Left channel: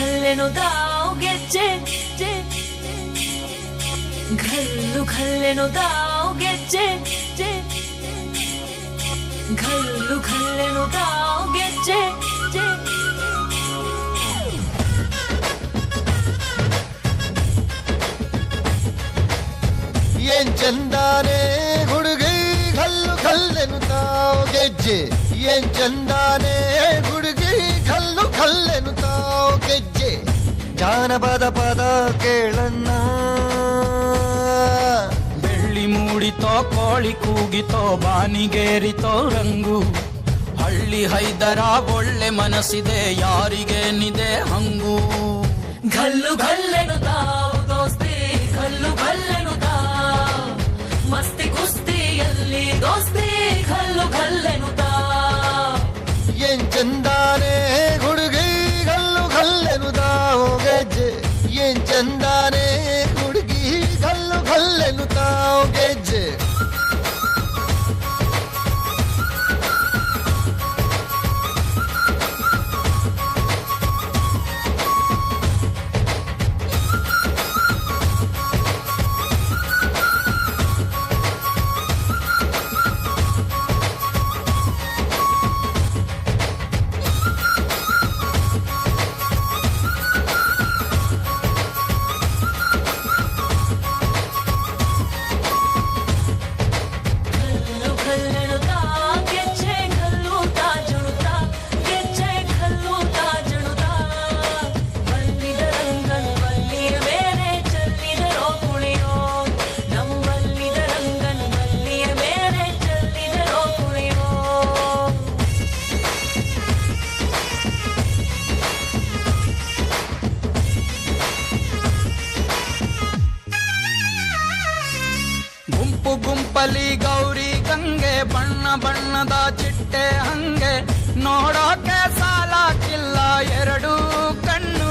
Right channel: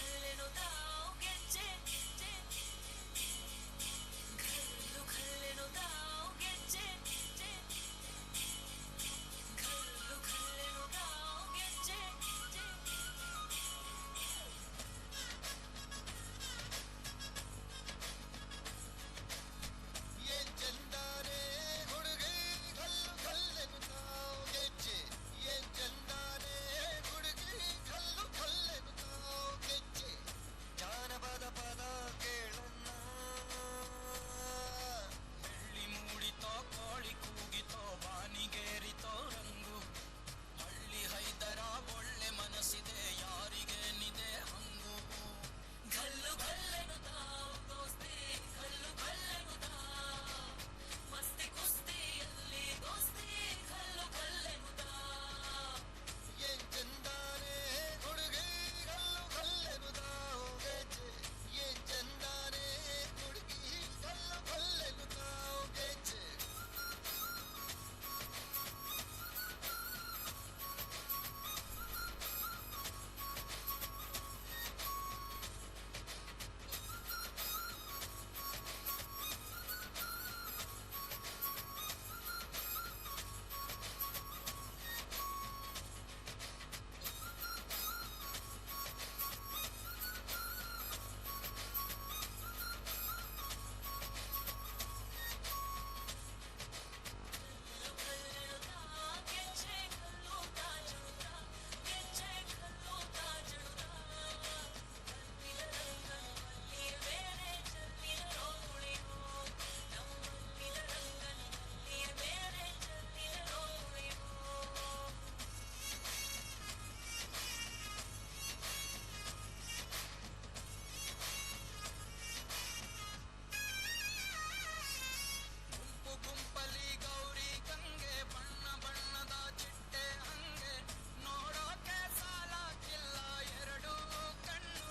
ಘಲ್ಲೆನು ದಾವ್ ಗೆಜ್ಜೆ ಘಲ್ಲು ಘಲ್ಲೆನು ದಾವ್ ಗೆಜ್ಜೆ ಘಲ್ಲು ಘಲ್ಲೆನು ದಾವ್ ಗೆಜ್ಜೆ ಏನ್ ಚಂದಾನೆ ಹುಡುಗಿ ಘಲ್ಲು ಘಲ್ಲೆನು ತಾವ್ ಗೆಜ್ಜೆ ಏನ್ ಚಂದಾನೆ ಹುಡುಗಿ ಘಲ್ಲು ಘಲ್ಲೆನು ತಾವ್ ಗೆಜ್ಜೆ ಜಾನಪದ ಪದ ಕೇಳನ್ನ ಬೆಳ್ಳಿ ಮೂಡಿತೋ ಕೋಳಿ ಕೂಗಿತೋ ಬಾನಿಗೇರಿತೋ ರಂಗು ಹಳ್ಳಿ ಹೈದರ ಒಳ್ಳೆ ಮನಸ್ಸಿದೆ ಯಾರಿಗೇನಿದೆ ಹಂಗು ಘಲ್ಲು ಘಲ್ಲೆನು ತಾವ್ ದೋಸ್ತಿ ಘಲ್ಲು ಘಲ್ಲೆನು ತಾವ್ ಮಸ್ತಿ ಕುಸ್ತಿಯಲ್ಲಿ ದೋಸ್ತಿ ಘಲ್ಲು ಘಲ್ಲೆನು ತಾವ್ ಏನ್ ಚಂದಾನೆ ಹುಡುಗಿ ಘಲ್ಲು ಘಲ್ಲೆನು ತಾವ್ ಗೆಜ್ಜೆ ಏನ್ ಚಂದಾನೆ ಹುಡುಗಿ ಘಲ್ಲು ಘಲ್ಲೆನು ತಾವ್ ಗೆಜ್ಜೆ ಗುಂಪು ಗುಂಪಲಿ ಗೌರಿ ಗಂಗೆ ಬಣ್ಣ ಬಣ್ಣದ ಚಿಟ್ಟೆ ಹಂಗೆ ನೋಡೋಕೆ ಸಾಲಾಕಿಲ್ಲ ಎರಡು ಕಣ್ಣು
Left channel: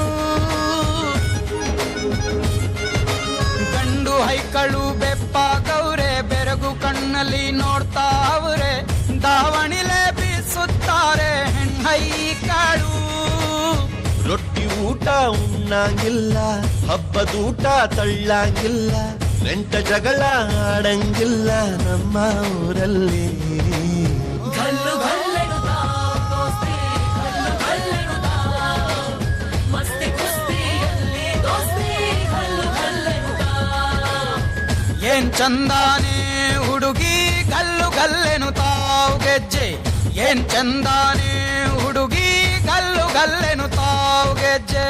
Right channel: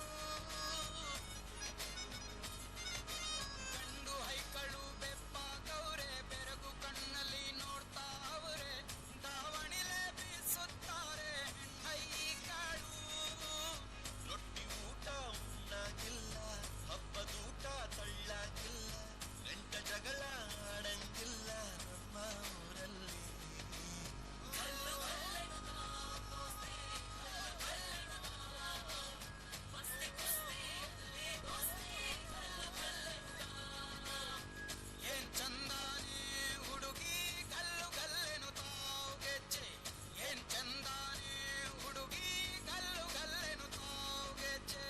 ಗಂಡು ಹೈಕಳು ಬೆಪ್ಪ ಗೌರೆ ಬೆರಗು ಕಣ್ಣಲ್ಲಿ ನೋಡ್ತಾ ಅವ್ರೆ ದಾವಣಿಲೆ ಬೀಸುತ್ತಾರೆ ಹೆಣ್ಣೈಕಾಳು ರೊಟ್ಟಿ ಊಟ ಉಣ್ಣಂಗಿಲ್ಲ ಹಬ್ಬದೂಟ ತಳ್ಳಂಗಿಲ್ಲ ನೆಂಟ ಜಗಳ ಆಡಂಗಿಲ್ಲ ನಮ್ಮ ಊರಲ್ಲಿ ಘಲ್ಲು ಘಲ್ಲೆನು ತಾವ್ ದೋಸ್ತಿ ಘಲ್ಲು ಘಲ್ಲೆನು ತಾವ್ ಮಸ್ತಿ ಕುಸ್ತಿಯಲ್ಲಿ ದೋಸ್ತಿ ಘಲ್ಲು ಘಲ್ಲೆನು ತಾವ್ ಏನ್ ಚಂದಾನೆ ಹುಡುಗಿ ಗಲ್ಲು ಗಲ್ಲೆನು ತಾವ್ ಗೆಜ್ಜೆ ಏನ್ ಚಂದಾನೆ ಹುಡುಗಿ ಗಲ್ಲು ಗಲ್ಲೆನು ತಾವ್ ಗೆಜ್ಜೆ